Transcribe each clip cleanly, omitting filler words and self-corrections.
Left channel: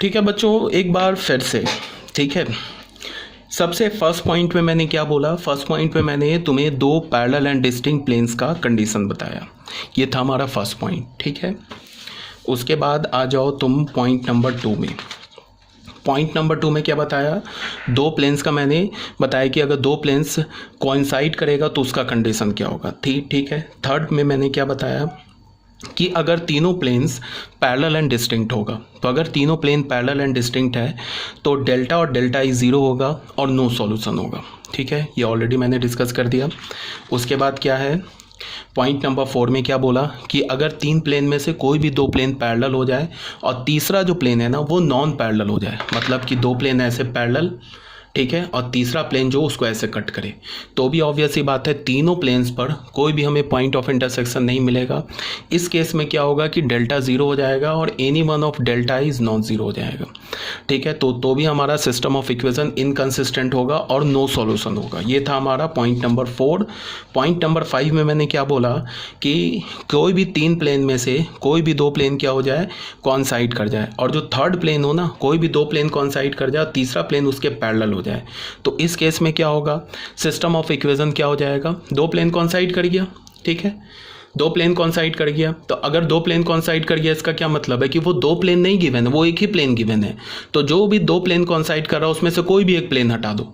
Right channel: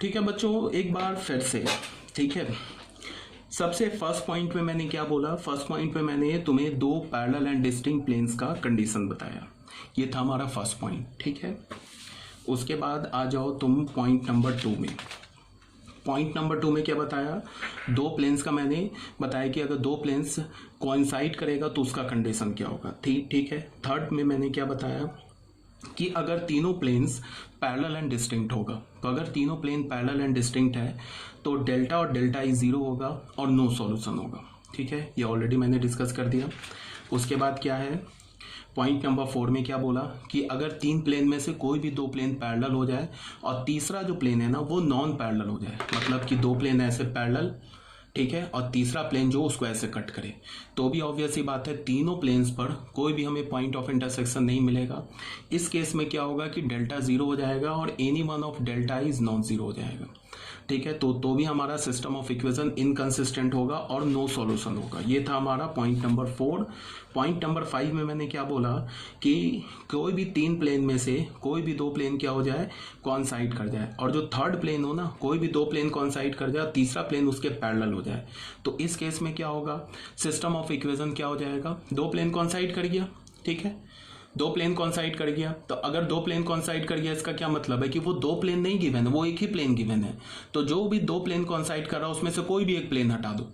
ठीक है बच्चों, एक बार फिर से। ठीक है, सबसे फर्स्ट पॉइंट में मैंने क्या बोला? फर्स्ट पॉइंट में मैंने तुम्हें दो पैरेलल एंड डिस्टिंक्ट प्लेन्स का कंडीशन बताया। ये था हमारा फर्स्ट पॉइंट। ठीक है, उसके बाद आ जाओ तुम पॉइंट नंबर 2 में। पॉइंट नंबर 2 में क्या बताया? दो प्लेन्स का मैंने बताया कि अगर दो प्लेन्स कोइंसाइड करेगा तो उसका कंडीशन क्या होगा। ठीक है। थर्ड में मैंने क्या बताया कि अगर तीनों प्लेन्स पैरेलल एंड डिस्टिंक्ट होगा, तो अगर तीनों प्लेन पैरेलल एंड डिस्टिंक्ट है तो डेल्टा और डेल्टा ई ज़ीरो होगा और नो सॉल्यूशन होगा। ठीक है, ये ऑलरेडी मैंने डिस्कस कर दिया। उसके बाद क्या है, पॉइंट नंबर 4 में क्या बोला कि अगर तीन प्लेन में से कोई भी दो प्लेन पैरेलल हो जाए और तीसरा जो प्लेन है ना वो नॉन पैरेलल हो जाए, मतलब कि दो प्लेन ऐसे पैरेलल, ठीक है, और तीसरा प्लेन जो उसको ऐसे कट करे, तो भी ऑब्वियस ही बात है तीनों प्लेन्स पर कोई भी हमें पॉइंट ऑफ इंटरसेक्शन नहीं मिलेगा। इस केस में क्या होगा कि डेल्टा ज़ीरो हो जाएगा और any one of delta is non zero हो जाएगा। ठीक है, तो भी हमारा सिस्टम ऑफ इक्वेशन इनकंसिस्टेंट होगा और नो सॉल्यूशन होगा। ये था हमारा पॉइंट नंबर 4। पॉइंट नंबर 5 में मैंने क्या बोला कि कोई भी तीन प्लेन में से कोई भी दो प्लेन क्या हो जाए, कॉन्साइड कर जाए, और जो थर्ड प्लेन हो ना, कोई भी दो प्लेन कॉन्साइड कर जाए, तीसरा प्लेन उसके पैरेलल हो जाए, तो इस केस में क्या होगा, सिस्टम ऑफ इक्वेशन क्या हो जाएगा? दो प्लेन कॉन्साइड कर गया। ठीक है, दो प्लेन कॉन्साइड कर गया, तो अगर दो प्लेन कॉन्साइड कर गया इसका क्या मतलब है कि वो दो प्लेन नहीं गिवन है, वो एक ही प्लेन गिवन है। तो जो भी दो प्लेन कॉन्साइड कर रहा है उसमें से कोई भी एक प्लेन हटा दो,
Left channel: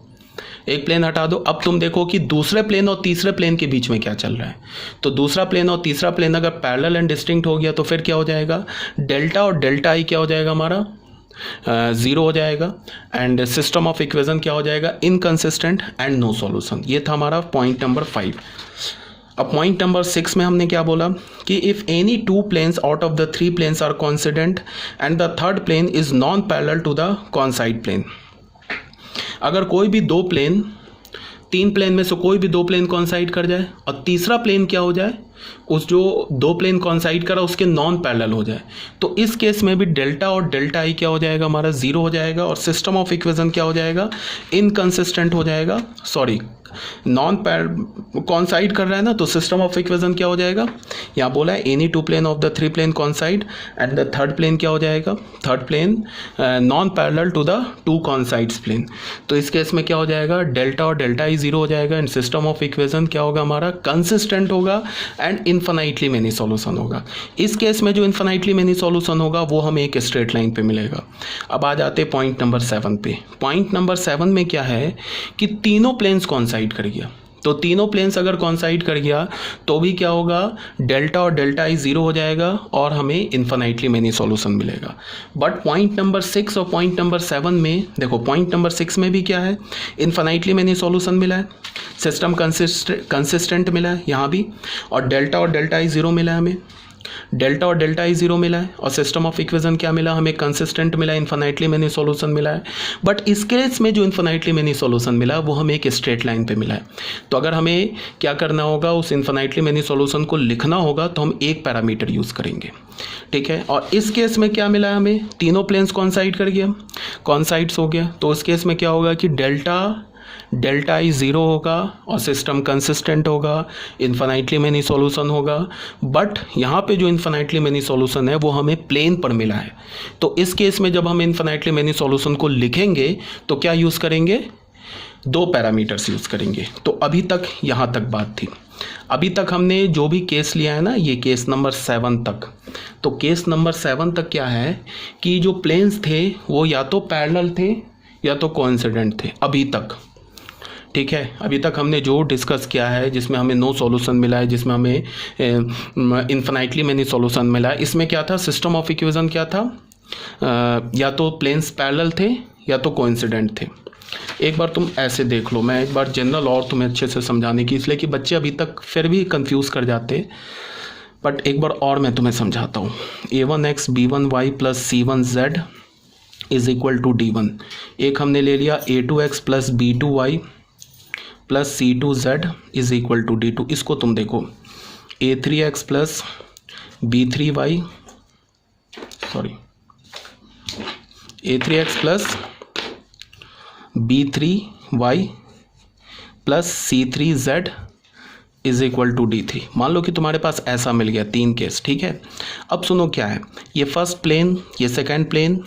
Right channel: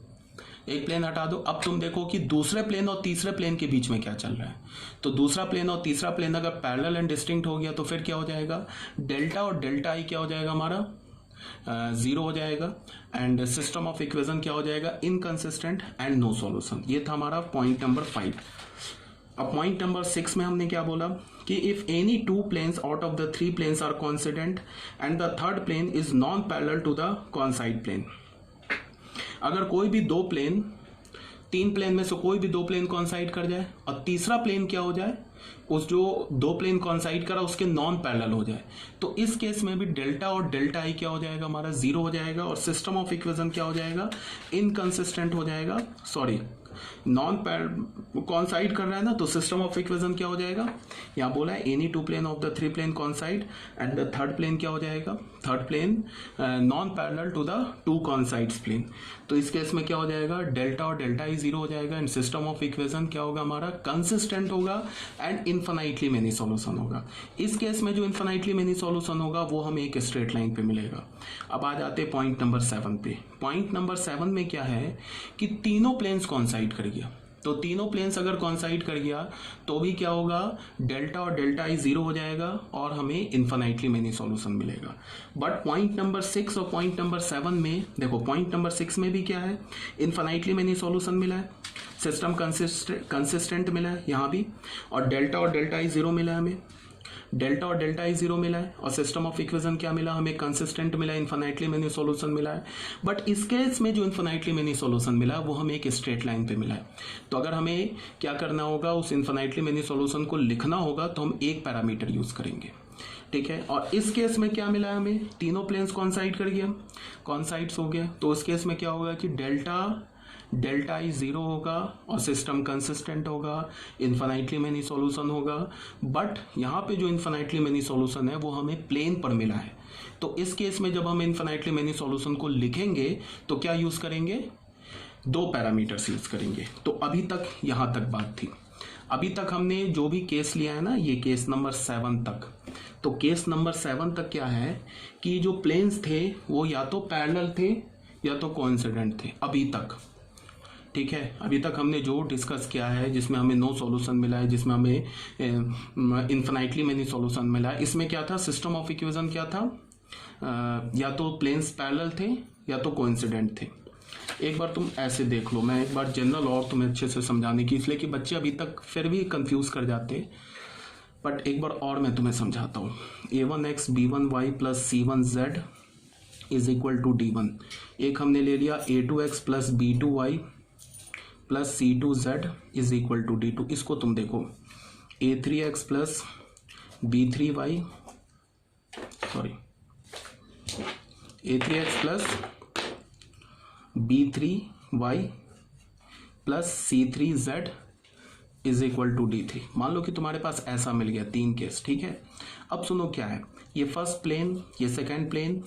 एक प्लेन हटा दो। अब तुम देखो कि दूसरे प्लेन और तीसरे प्लेन के बीच में क्या चल रहा है। तो दूसरा प्लेन और तीसरा प्लेन अगर पैरेलल एंड डिस्टिंक्ट हो गया तो फिर क्या हो जाएगा, डेल्टा और डेल्टा आई क्या हो जाएगा हमारा, ज़ीरो हो जाएगा, एंड सिस्टम ऑफ इक्वेशन क्या हो जाएगा, इनकंसिस्टेंट एंड नो सॉल्यूशन। ये था हमारा पॉइंट नंबर 5। अब पॉइंट नंबर 6 में हमने क्या बोला कि if any two planes out of the three planes are coincident and the third plane is non parallel to the coincide plane. अगर कोई भी दो प्लेन, तीन प्लेन में से कोई भी दो प्लेन कॉन्साइड कर जाए और तीसरा प्लेन क्या हो जाए, उस जो दो प्लेन कॉन्साइड करा उसके नॉन पैरेलल हो जाए, तो इस केस में भी डेल्टा और डेल्टा आई क्या हो जाएगा हमारा, ज़ीरो हो जाएगा, और सिस्टम ऑफ इक्वेशन क्या हो जाएगा, इनकंसिस्टेंट हो जाएगा। सॉरी, नॉन कॉन्साइड कर रहा है ना, तो सिस्टम ऑफ इक्वेशन क्या हो जाएगा, यहाँ बोला है any two plane of the three plane coincide and the third plane क्या हो जाएगा, third plane non parallel to the two coincides plane. तो इस केस में क्या हो जाएगा, डेल्टा और डेल्टा ई ज़ीरो हो जाएगा, एंड सिस्टम ऑफ इक्वेशन क्या होगा हमारा, कंसिस्टेंट होगा एंड इन्फिनाइटली मेनी सॉल्यूशन होगा। इस केस में जो इन्फिनाइटली मेनी सॉल्यूशन होगा वो हमें एक स्ट्रेट लाइन पे मिलेगा। अब आ जाते पॉइंट नंबर 7 पे। पॉइंट नंबर 7 में क्या है कि तीनों प्लेन्स कॉन्साइड कर गया, तो तीनों प्लेन्स अगर कॉन्साइड कर गया तो भी क्या होगा, डेल्टा और डेल्टा ई ज़ीरो हो जाएगा और हमें इन्फिनाइटली मेनी सॉल्यूशन मिलेगा। बट पॉइंट नंबर 6 और पॉइंट नंबर 7 में देखो, पॉइंट नंबर 6 में भी क्या है, इन्फिनाइटली मेनी सॉल्यूशन मिला है, सिस्टम कंसिस्टेंट मिला है यहाँ भी, और डेल्टा ई ज़ीरो मिला है हमें, डेल्टा और डेल्टा ई ज़ीरो मिला है, और सिस्टम ऑफ इक्वेशन क्या मिला हमें, कंसिस्टेंट मिला, इन्फिनाइटली मेनी सॉल्यूशन मिला है। बट इस केस में जो इन्फिनाइटली मेनी सॉल्यूशन मिला वो हमें एक स्ट्रेट लाइन पे मिला है। तो अगर हमें क्या करना होगा, उस इन्फिनाइटली मेनी सॉल्यूशन को लिखना होगा तो हम एक पैरामीटर यूज़ करेंगे। ठीक है, और इस केस में क्या मिला है हमें, तीनों प्लेन्स कॉन्साइड कर गया, कॉन्साइड्स हो गया, तो उस केस में क्या होगा कि डेल्टा ई ज़ीरो होगा और सिस्टम कंसिस्टेंट होगा, इन्फिनाइटली मेनी सॉल्यूशन होगा। बट यहाँ पे जो इन्फिनाइटली मेनी सॉल्यूशन है वो हमें प्लेन पर मिला है, तो इस केस में जब हम इन्फिनाइटली मेनी सॉल्यूशन को लिखेंगे तो क्या यूज़ करेंगे, दो पैरामीटर्स यूज़ करेंगे। तो अभी तक यहाँ तक बात थी। अभी तक हमने जो भी केस लिया है ना, ये केस नंबर 7 तक, तो केस नंबर 7 तक क्या है कि जो प्लेन्स थे वो या तो पैरेलल थे या तो कोइंसिडेंट थे अभी तक। ठीक है, अभी तक हमने जो डिस्कस किया है, जिसमें हमें नो सॉल्यूशन मिला है, जिसमें हमें इन्फिनाइटली मेनी सॉल्यूशन मिला है, इसमें क्या था, सिस्टम ऑफ इक्वेशन क्या था, या तो प्लेन्स पैरेलल थे या तो कोइंसिडेंट थे। एक बार तुम ऐसे देख लो, मैं एक बार जनरल और तुम्हें अच्छे से समझाने की, इसलिए कि बच्चे अभी तक फिर भी कंफ्यूज कर जाते, बट एक बार और मैं तुम्हें समझाता हूँ। a1x b1y plus c1z is equal to d1। एक हमने ले लिया a2x plus b2y plus c2z is equal to d2। इसको तुम देखो, a3x plus b3y, sorry a3x plus b3y plus c3z is equal to d3। मान लो कि तुम्हारे पास ऐसा मिल गया तीन केस। ठीक है, अब सुनो क्या है, ये फर्स्ट प्लेन, ये सेकंड प्लेन,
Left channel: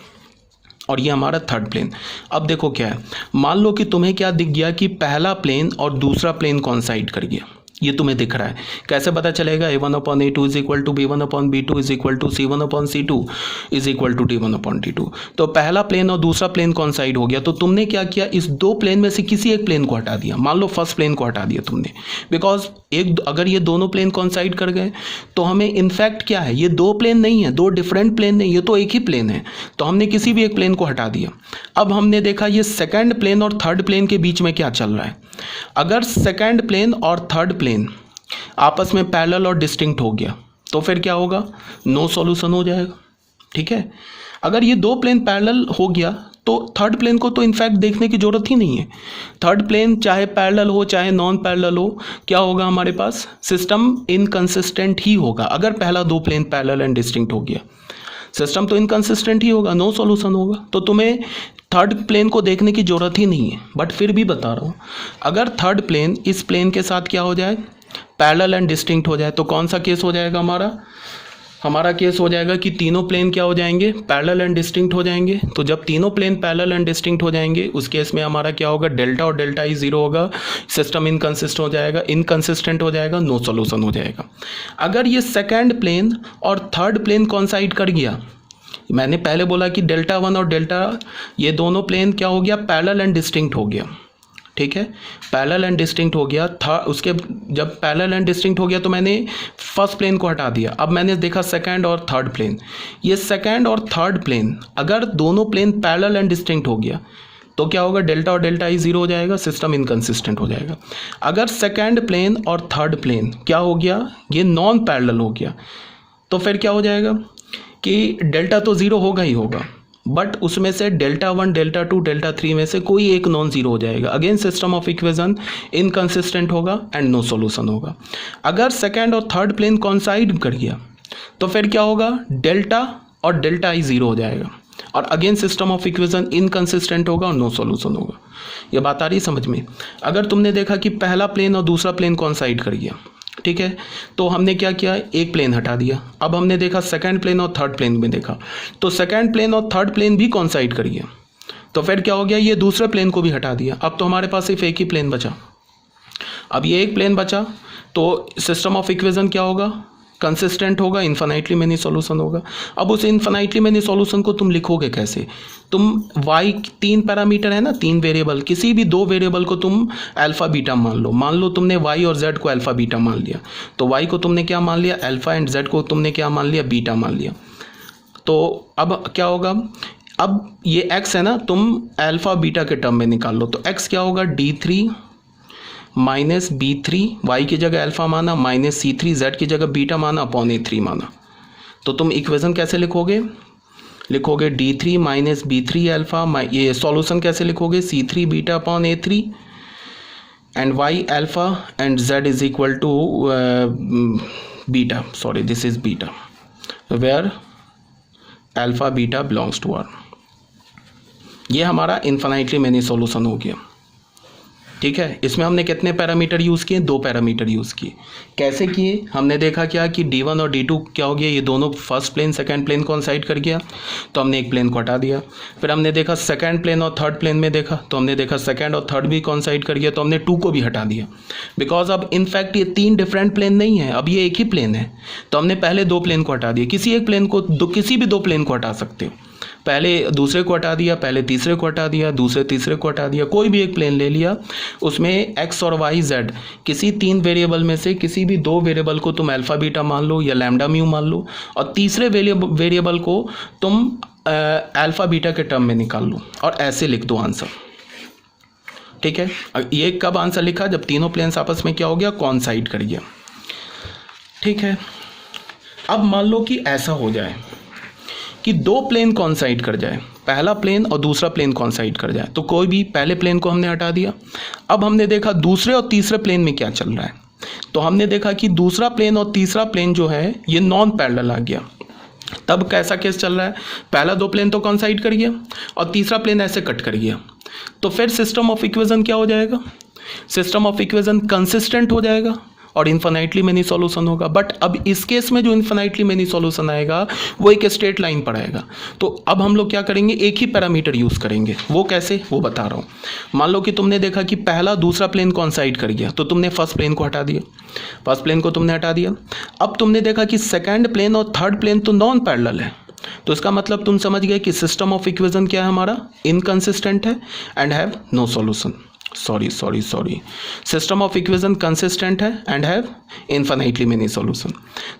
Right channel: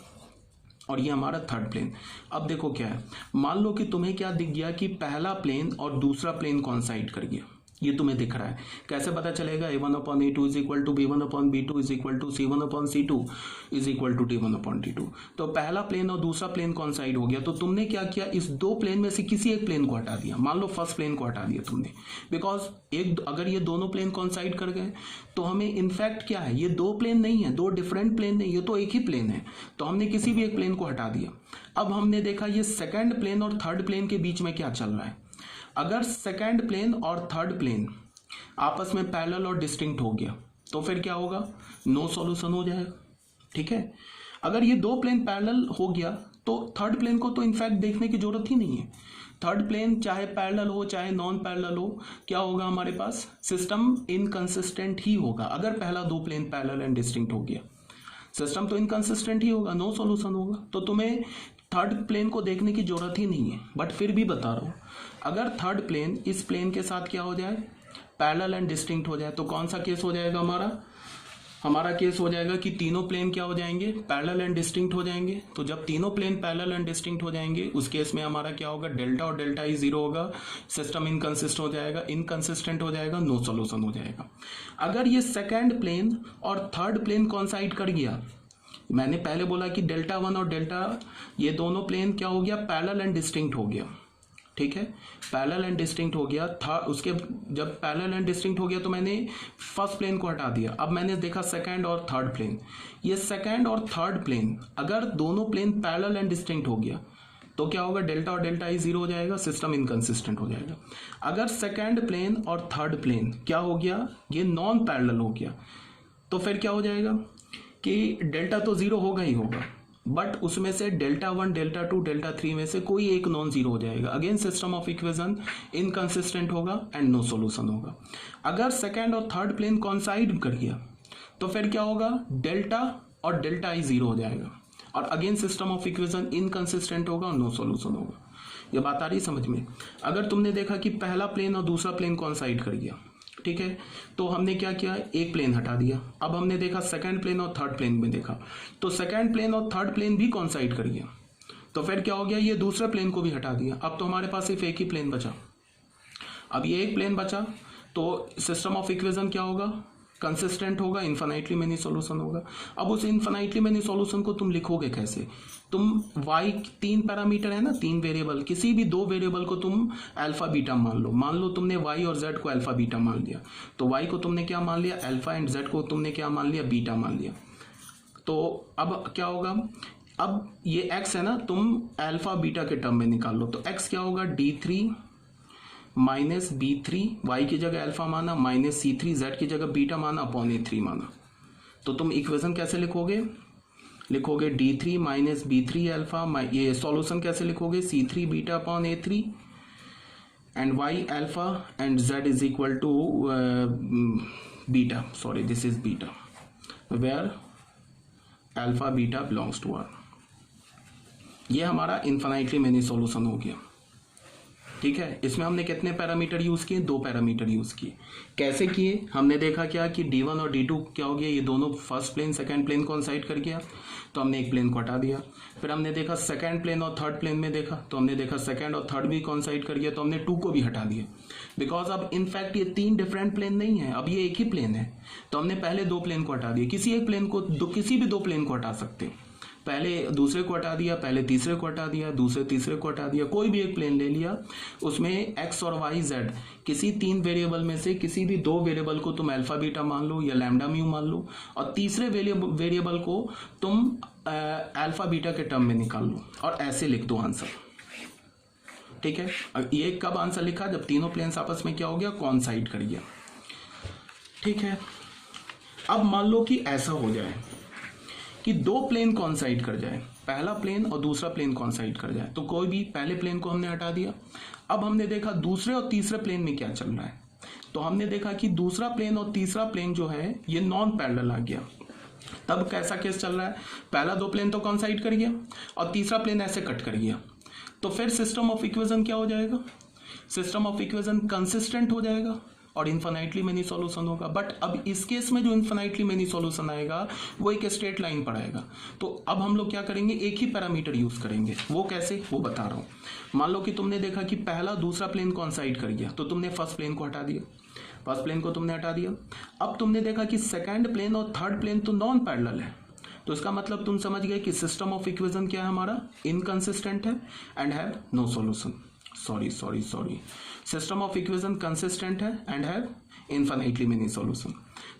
और ये हमारा थर्ड प्लेन। अब देखो क्या है, मान लो कि तुम्हें क्या दिख गया कि पहला प्लेन और दूसरा प्लेन कॉन्साइड कर गया, ये तुम्हें दिख रहा है। कैसे पता चलेगा? a1/a2 is equal to b1/b2 is equal to c1/c2 is equal to d1/d2। तो पहला प्लेन और दूसरा प्लेन कॉन्साइड हो गया, तो तुमने क्या किया, इस दो प्लेन में से किसी एक प्लेन को हटा दिया। मान लो फर्स्ट प्लेन को हटा दिया तुमने, बिकॉज अगर ये दोनों प्लेन कॉन्साइड कर गए तो हमें इनफैक्ट क्या है, ये दो प्लेन नहीं है, दो डिफरेंट प्लेन नहीं, ये तो एक ही प्लेन है। तो हमने किसी भी एक प्लेन को हटा दिया। अब हमने देखा ये सेकंड प्लेन और थर्ड प्लेन के बीच में क्या चल रहा है। अगर सेकंड प्लेन और थर्ड प्लेन आपस में पैरेलल और डिस्टिंक्ट हो गया तो फिर क्या होगा, नो सॉल्यूशन हो जाएगा। ठीक है, अगर ये दो प्लेन पैरेलल हो गया तो थर्ड प्लेन को तो इनफैक्ट देखने की जरूरत ही नहीं है। थर्ड प्लेन चाहे पैरेलल हो चाहे नॉन पैरेलल हो, क्या होगा हमारे पास, सिस्टम इनकंसिस्टेंट ही होगा। अगर पहला दो प्लेन पैरेलल एंड डिस्टिंक्ट हो गया, सिस्टम तो इनकंसिस्टेंट ही होगा, नो सॉल्यूशन होगा। तो तुम्हें थर्ड प्लेन को देखने की जरूरत ही नहीं है। बट फिर भी बता रहा हूँ, अगर थर्ड प्लेन इस प्लेन के साथ क्या हो जाए, पैरेलल एंड डिस्टिंक्ट हो जाए, तो कौन सा केस हो जाएगा हमारा केस हो जाएगा कि तीनों प्लेन क्या हो जाएंगे, पैरेलल एंड डिस्टिंक्ट हो जाएंगे। तो जब तीनों प्लेन पैरेलल एंड डिस्टिंक्ट हो जाएंगे उस केस में हमारा क्या होगा, डेल्टा और डेल्टा ई जीरो होगा, सिस्टम इनकंसिस्टेंट हो जाएगा, नो सॉल्यूशन हो जाएगा। अगर ये सेकंड प्लेन और थर्ड प्लेन कॉन्साइड कर गया, मैंने पहले बोला कि डेल्टा वन और डेल्टा, ये दोनों प्लेन क्या हो गया, पैरेलल एंड डिस्टिंक्ट हो गया। ठीक है, पैरेलल एंड डिस्टिंक्ट हो गया था। उसके जब पैरेलल एंड डिस्टिंक्ट हो गया तो मैंने फर्स्ट प्लेन को हटा दिया। अब मैंने देखा सेकंड और थर्ड प्लेन, ये सेकंड और थर्ड प्लेन अगर दोनों प्लेन पैरेलल एंड डिस्टिंक्ट हो गया तो क्या होगा, डेल्टा और डेल्टा ई जीरो हो जाएगा, सिस्टम इनकंसिस्टेंट हो जाएगा। अगर सेकंड प्लेन और थर्ड प्लेन क्या हो गया, ये नॉन पैरेलल हो गया, तो फिर क्या हो जाएगा कि डेल्टा तो ज़ीरो होगा ही होगा, बट उसमें से delta one, delta two, delta three में से कोई एक नॉन जीरो हो जाएगा। Again system of equation inconsistent होगा एंड नो सॉल्यूशन होगा। अगर सेकंड और थर्ड प्लेन कॉन्साइड कर गया तो फिर क्या होगा, डेल्टा और डेल्टा ई जीरो हो जाएगा, और again system of equation inconsistent होगा और नो सॉल्यूशन होगा। ये बात आ रही समझ में? अगर तुमने देखा कि पहला प्लेन और दूसरा प्लेन कॉन्साइड कर गया, ठीक है, तो हमने क्या किया, एक प्लेन हटा दिया। अब हमने देखा सेकंड प्लेन और थर्ड प्लेन में देखा तो सेकंड प्लेन और थर्ड प्लेन भी कॉन्साइड कर गया, तो फिर क्या हो गया, ये दूसरे प्लेन को भी हटा दिया। अब तो हमारे पास सिर्फ एक ही प्लेन बचा। अब ये एक प्लेन बचा तो सिस्टम ऑफ इक्वेशन क्या होगा, कंसिस्टेंट होगा, इन्फिनाइटली मेनी सॉल्यूशन होगा। अब उस इन्फिनाइटली मेनी सॉल्यूशन को तुम लिखोगे कैसे? तुम y, तीन पैरामीटर है ना, तीन वेरिएबल, किसी भी दो वेरिएबल को तुम अल्फा बीटा मान लो तुमने y और z को अल्फा बीटा मान लिया, तो y को तुमने क्या मान लिया, अल्फा, एंड z को तुमने क्या मान लिया, बीटा मान लिया। तो अब क्या होगा, अब ये x है ना, तुम अल्फा बीटा के टर्म में निकाल लो, तो x क्या होगा, d3 माइनस b3, y की जगह अल्फा माना, माइनस c3, z की जगह बीटा माना, अपॉन a3 माना। तो तुम इक्वेशन कैसे लिखोगे d3 माइनस b3 अल्फा, ये सॉल्यूशन कैसे लिखोगे, c3 beta upon a3 and y alpha and z is equal to beta, sorry this is beta, where alpha beta belongs to R. ये हमारा इन्फिनाइटली मेनी सॉल्यूशन हो गया। ठीक है, इसमें हमने कितने पैरामीटर यूज़ किए, दो पैरामीटर यूज़ किए। कैसे किए, हमने देखा क्या कि d1 और d2 क्या हो गया, ये दोनों first plane second plane consider कर गया, तो हमने एक प्लेन को हटा दिया। फिर हमने देखा सेकंड प्लेन और थर्ड प्लेन में देखा, तो हमने देखा सेकंड और थर्ड भी कॉन्साइड कर गया, तो हमने 2 को भी हटा दिया। बिकॉज अब इनफैक्ट ये तीन डिफरेंट प्लेन नहीं है, अब ये एक ही प्लेन है, तो हमने पहले दो प्लेन को हटा दिया। किसी एक प्लेन को किसी भी दो प्लेन को हटा सकते हो, पहले दूसरे को हटा दिया, पहले तीसरे को हटा दिया, दूसरे तीसरे को हटा दिया, कोई भी एक प्लेन ले लिया, उसमें x और y z किसी तीन वेरिएबल में से किसी भी दो वेरिएबल को तुम अल्फा बीटा मान लो या लैम्डा म्यू मान लो, और तीसरे वेरिएबल को तुम अल्फा बीटा के टर्म में निकाल लो और ऐसे लिख दो आंसर। ठीक है, ये कब आंसर लिखा, जब तीनों प्लेन्स आपस में क्या हो गया, कॉन्साइड कर गया। ठीक है, अब मान लो कि ऐसा हो जाए कि दो प्लेन कॉन्साइड कर जाए, पहला प्लेन और दूसरा प्लेन कॉन्साइड कर जाए, तो कोई भी पहले प्लेन को हमने हटा दिया। अब हमने देखा दूसरे और तीसरे प्लेन में क्या चल रहा है, तो हमने देखा कि दूसरा प्लेन और तीसरा प्लेन जो है ये नॉन पैरेलल आ गया। तब कैसा केस चल रहा है, पहला दो प्लेन तो कॉन्साइड कर गया और तीसरा प्लेन ऐसे कट कर गया, तो फिर सिस्टम ऑफ इक्वेशन क्या हो जाएगा, सिस्टम ऑफ इक्वेशन कंसिस्टेंट हो जाएगा, और इन्फिनाइटली मेनी सॉल्यूशन होगा। बट अब इस केस में जो इन्फिनाइटली मेनी सॉल्यूशन आएगा वो एक स्ट्रेट लाइन पर आएगा। तो अब हम लोग क्या करेंगे, एक ही पैरामीटर यूज़ करेंगे। वो कैसे, वो बता रहा हूँ। मान लो कि तुमने देखा कि पहला दूसरा प्लेन कोइंसाइड कर गया, तो तुमने फर्स्ट प्लेन को हटा दिया, फर्स्ट प्लेन को तुमने हटा दिया। अब तुमने देखा कि सेकेंड प्लेन और थर्ड प्लेन तो नॉन पैरेलल है, तो इसका मतलब तुम समझ गए कि सिस्टम ऑफ इक्वेशन क्या है हमारा, इनकंसिस्टेंट है and have no solution. Sorry, system of equation consistent है and have infinitely many solution.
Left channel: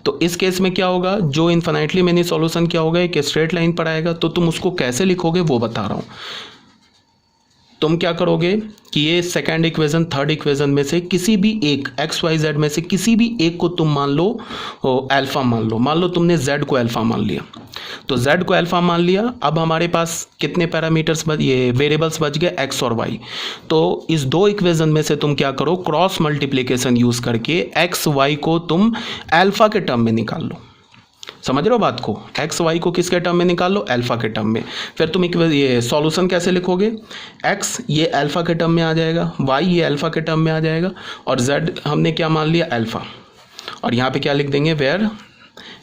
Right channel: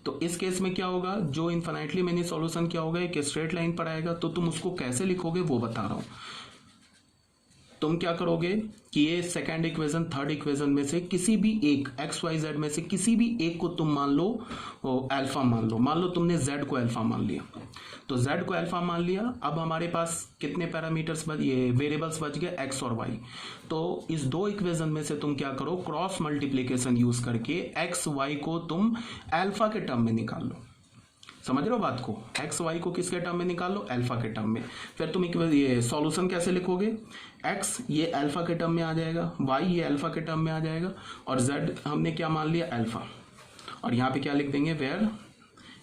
तो इस केस में क्या होगा, जो इन्फिनाइटली मेनी सॉल्यूशन क्या होगा, एक स्ट्रेट लाइन पर आएगा। तो तुम उसको कैसे लिखोगे वो बता रहा हूँ। तुम क्या करोगे कि ये सेकेंड इक्वेशन थर्ड इक्वेशन में से किसी भी एक एक्स वाई जेड में से किसी भी एक को तुम मान लो अल्फा मान लो तुमने जेड को अल्फा मान लिया, तो जेड को अल्फा मान लिया। अब हमारे पास कितने पैरामीटर्स ये वेरिएबल्स बच गए, एक्स और वाई। तो इस दो इक्वेशन में से तुम क्या करो, क्रॉस मल्टीप्लिकेशन यूज करके एक्स वाई को तुम अल्फा के टर्म में निकाल लो। समझ रहे हो बात को, एक्स वाई को किसके टर्म में निकाल लो, अल्फा के टर्म में। फिर तुम ये सॉल्यूशन कैसे लिखोगे, एक्स ये अल्फा के टर्म में आ जाएगा, वाई ये अल्फा के टर्म में आ जाएगा, और जेड हमने क्या मान लिया, अल्फा। और यहाँ पे क्या लिख देंगे, where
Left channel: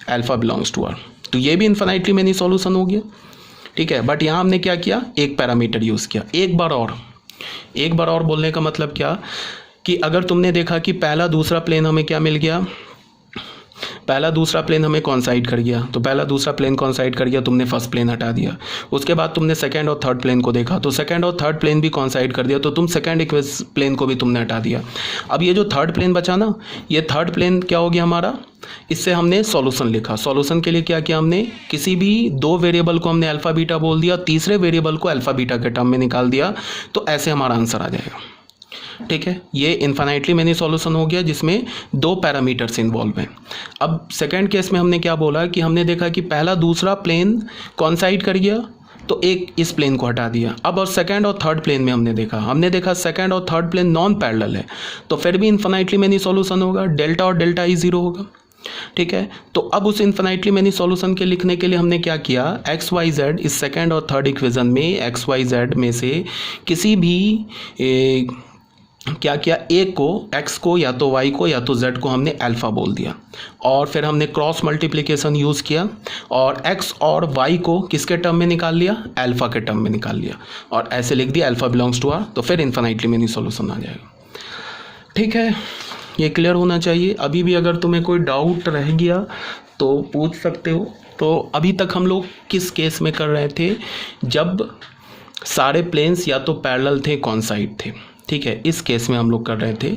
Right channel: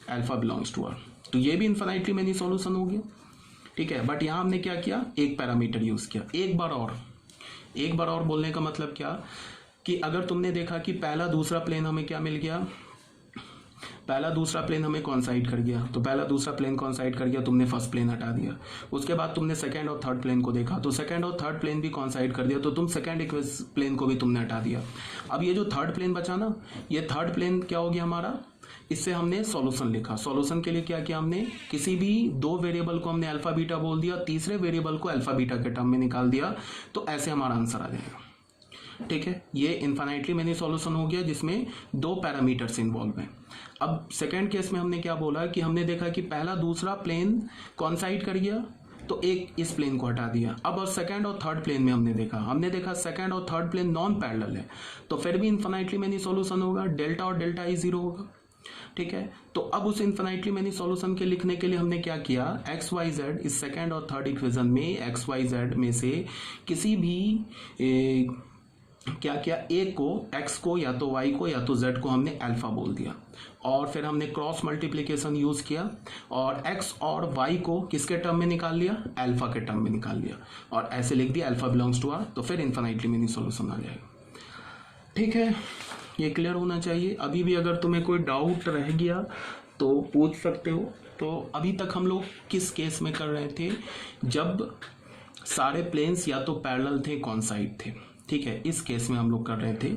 alpha belongs to R. तो ये भी इन्फिनाइटली मेनी सॉल्यूशन हो गया, ठीक है। बट यहाँ हमने क्या किया, एक पैरामीटर यूज़ किया। एक बार और बोलने का मतलब क्या, कि अगर तुमने देखा कि पहला दूसरा प्लेन हमें क्या मिल गया, पहला दूसरा प्लेन हमें कॉन्साइड कर गया, तो पहला दूसरा प्लेन कॉन्साइड कर गया, तुमने फर्स्ट प्लेन हटा दिया। उसके बाद तुमने सेकंड और थर्ड प्लेन को देखा, तो सेकंड और थर्ड प्लेन भी कॉन्साइड कर दिया, तो तुम सेकंड प्लेन को भी तुमने हटा दिया। अब ये जो थर्ड प्लेन बचा ना, ये थर्ड प्लेन क्या हो गया हमारा, इससे हमने सॉल्यूशन लिखा। सॉल्यूशन के लिए क्या किया हमने, किसी भी दो वेरिएबल को हमने अल्फा बीटा बोल दिया, तीसरे वेरिएबल को अल्फा बीटा के टर्म में निकाल दिया, तो ऐसे हमारा आंसर आ जाएगा, ठीक है। ये इन्फिनाइटली मेनी सॉल्यूशन हो गया जिसमें दो पैरामीटर्स इन्वॉल्व हैं। अब सेकंड केस में हमने क्या बोला कि हमने देखा कि पहला दूसरा प्लेन कॉन्साइड कर गया, तो एक इस प्लेन को हटा दिया। अब और सेकंड और थर्ड प्लेन में हमने देखा सेकंड और थर्ड प्लेन नॉन पैरेलल है, तो फिर भी इन्फिनाइटली मेनी सॉल्यूशन होगा, डेल्टा और डेल्टा ई जीरो होगा, ठीक है। तो अब उस इन्फिनाइटली मेनी सॉल्यूशन के लिखने के लिए हमने क्या किया, एक्स वाई जेड इस सेकंड और थर्ड इक्वेशन में एक्स वाई जेड में से किसी भी क्या किया, एक को x को या तो y को या तो z को हमने अल्फा बोल दिया, और फिर हमने क्रॉस मल्टीप्लिकेशन यूज़ किया और x और y को किसके टर्म में निकाल लिया, अल्फा के टर्म में निकाल लिया, और ऐसे लिख दिया अल्फा बिलोंग्स टू आर। तो फिर इन्फिनाइटली मेनी सॉल्यूशन आ जाएगा, ठीक है। ये क्लियर होना चाहिए। अभी भी अगर तुम्हें कोई डाउट रह गया तो पूछ सकते हो। तो अभी तक हम लोग किस केस में कर रहे थे, जब सारे प्लेन्स या तो पैरेलल थे, कॉन्साइड थे, ठीक है। इस केस में हम लोग कर रहे थे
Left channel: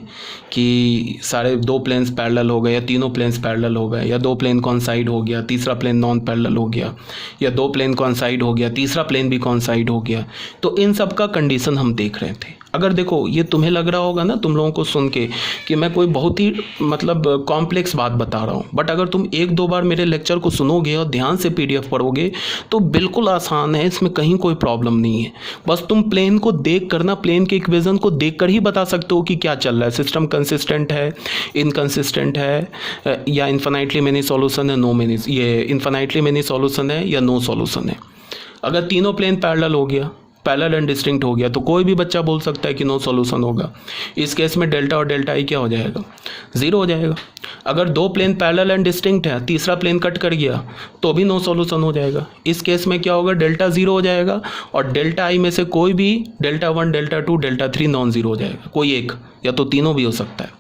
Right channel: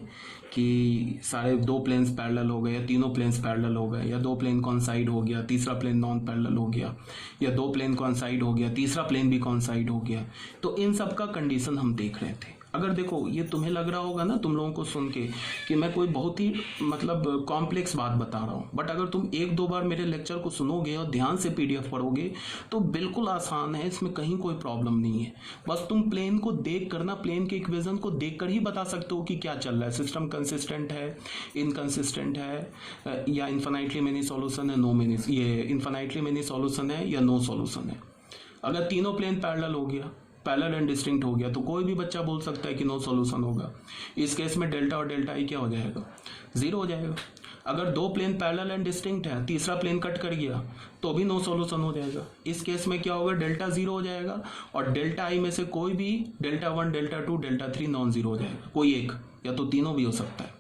कि सारे दो प्लेन्स पैरेलल हो गए, या तीनों प्लेन्स पैरेलल हो गए, या दो प्लेन कॉन्साइड हो गया, तीसरा प्लेन नॉन पैरेलल हो गया, या दो प्लेन कॉन्साइड हो गया, तीसरा प्लेन भी कॉन्साइड हो गया। तो इन सब का कंडीशन हम देख रहे थे। अगर देखो ये तुम्हें लग रहा होगा ना तुम लोगों को सुन के कि मैं कोई बहुत ही मतलब कॉम्प्लेक्स बात बता रहा हूँ, बट अगर तुम एक दो बार मेरे लेक्चर को सुनोगे और ध्यान से PDF पढ़ोगे तो बिल्कुल आसान है, इसमें कहीं कोई प्रॉब्लम नहीं है। बस तुम प्लेन को देख कर ना, प्लेन के इक्वेशन को देख कर ही बता सकते हो कि क्या चल रहा है, सिस्टम कंसिस्टेंट है, इनकंसिस्टेंट है, या इन्फिनाइटली मेनी सॉल्यूशन है, ये इन्फिनाइटली मेनी सॉल्यूशन है या नो सॉल्यूशन है। अगर तीनों प्लेन पैरेलल हो गया, पैरेलल एंड डिस्टिंक्ट हो गया, तो कोई भी बच्चा बोल सकता है कि नो सॉल्यूशन होगा। इस केस में डेल्टा और डेल्टा आई क्या हो जाएगा, जीरो हो जाएगा। अगर दो प्लेन पैरेलल एंड डिस्टिंक्ट है, तीसरा प्लेन कट कर गया, तो भी नो सॉल्यूशन हो जाएगा। इस केस में क्या होगा, डेल्टा जीरो हो जाएगा, और डेल्टा आई में से कोई भी delta 1, delta 2, delta 3 non zero हो जाएगा, कोई एक या तो तीनों भी हो सकता है।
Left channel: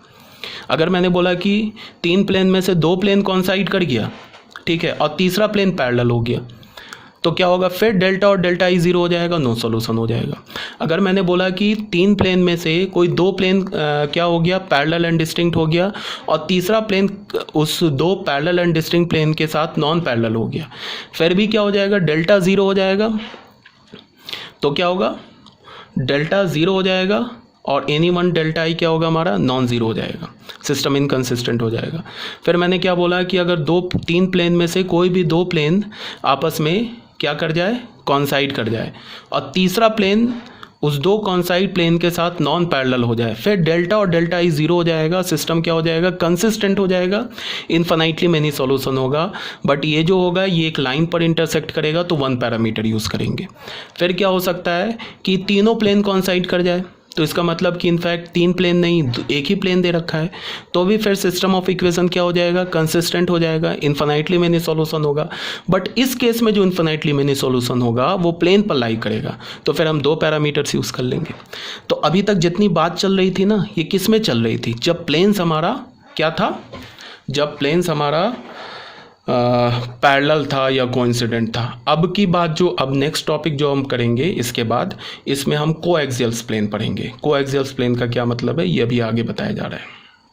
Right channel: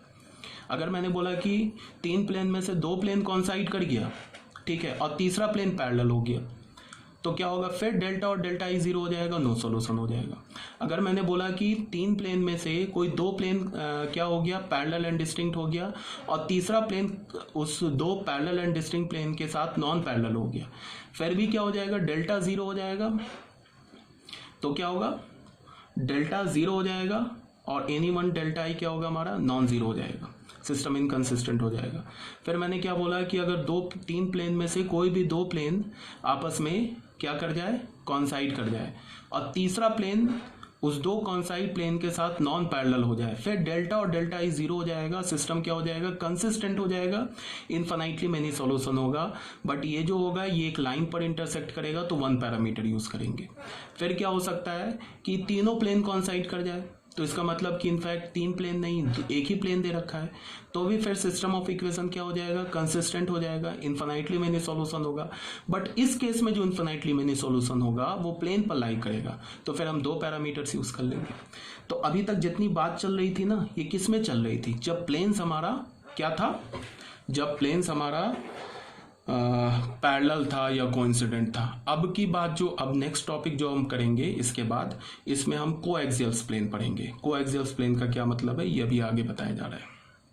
अगर मैंने बोला कि तीन प्लेन में से दो प्लेन कॉन्साइड कर गया, ठीक है, और तीसरा प्लेन पैरेलल हो गया, तो क्या होगा, फिर डेल्टा और डेल्टा ई जीरो हो जाएगा, नो सॉल्यूशन हो जाएगा। अगर मैंने बोला कि तीन प्लेन में से कोई दो प्लेन क्या हो गया, पैरेलल एंड डिस्टिंक्ट हो गया, और तीसरा प्लेन उस दो पैरेलल एंड डिस्टिंक्ट प्लेन के साथ नॉन पैरेलल हो गया, फिर भी क्या हो जाएगा, डेल्टा जीरो हो जाएगा। तो क्या होगा, डेल्टा जीरो हो जाएगा, और एनी वन डेल्टा आई क्या होगा हमारा, नॉन जीरो हो जाएगा, सिस्टम इनकंसिस्टेंट हो जाएगा। फिर मैंने क्या बोला कि अगर तीन प्लेन में से कोई भी दो प्लेन आपस में क्या कर जाए, कॉन्साइड कर जाए, और तीसरा प्लेन उस दो कॉन्साइड प्लेन के साथ नॉन पैरेलल हो जाए, फिर डेल्टा और डेल्टा ई जीरो हो जाएगा, सिस्टम क्या हो जाएगा, कंसिस्टेंट हो जाएगा, इन्फिनाइटली मेनी सॉल्यूशन होगा। बट ये जो होगा ये एक लाइन पर इंटरसेक्ट करेगा, तो वन पैरामीटर यूज़ करेंगे। फिर क्या हो सकता है कि तीनों प्लेन कॉन्साइड कर जाए, तो इसका मतलब कि इनफैक्ट 3 प्लेन नहीं, एक ही प्लेन दे रखा है, तो भी फिर सिस्टम ऑफ इक्वेशन क्या हो जाएगा, कंसिस्टेंट हो जाएगा, इन्फिनाइटली मेनी सॉल्यूशन होगा। बट इस केस में जो इन्फिनाइटली मेनी सॉल्यूशन होगा वो प्लेन पर लाई करेगा, तो फिर हम 2 पैरामीटर्स यूज़ कर लेंगे। तो अभी तक जितनी बात चल रही थी ना, ये किस में चल रही थी, जब प्लेन्स हमारा क्या था, जब प्लेन्स हमारा पैरेलल था या कोइंसिडेंट था। अब की बात जो अब नेक्स्ट टॉपिक जो हम करेंगे इसके बाद, इसमें हम कोएक्सियल प्लेन पढ़ेंगे। कोएक्सियल प्लेन का क्या मतलब है ये भी आगे बताया जा रहा है।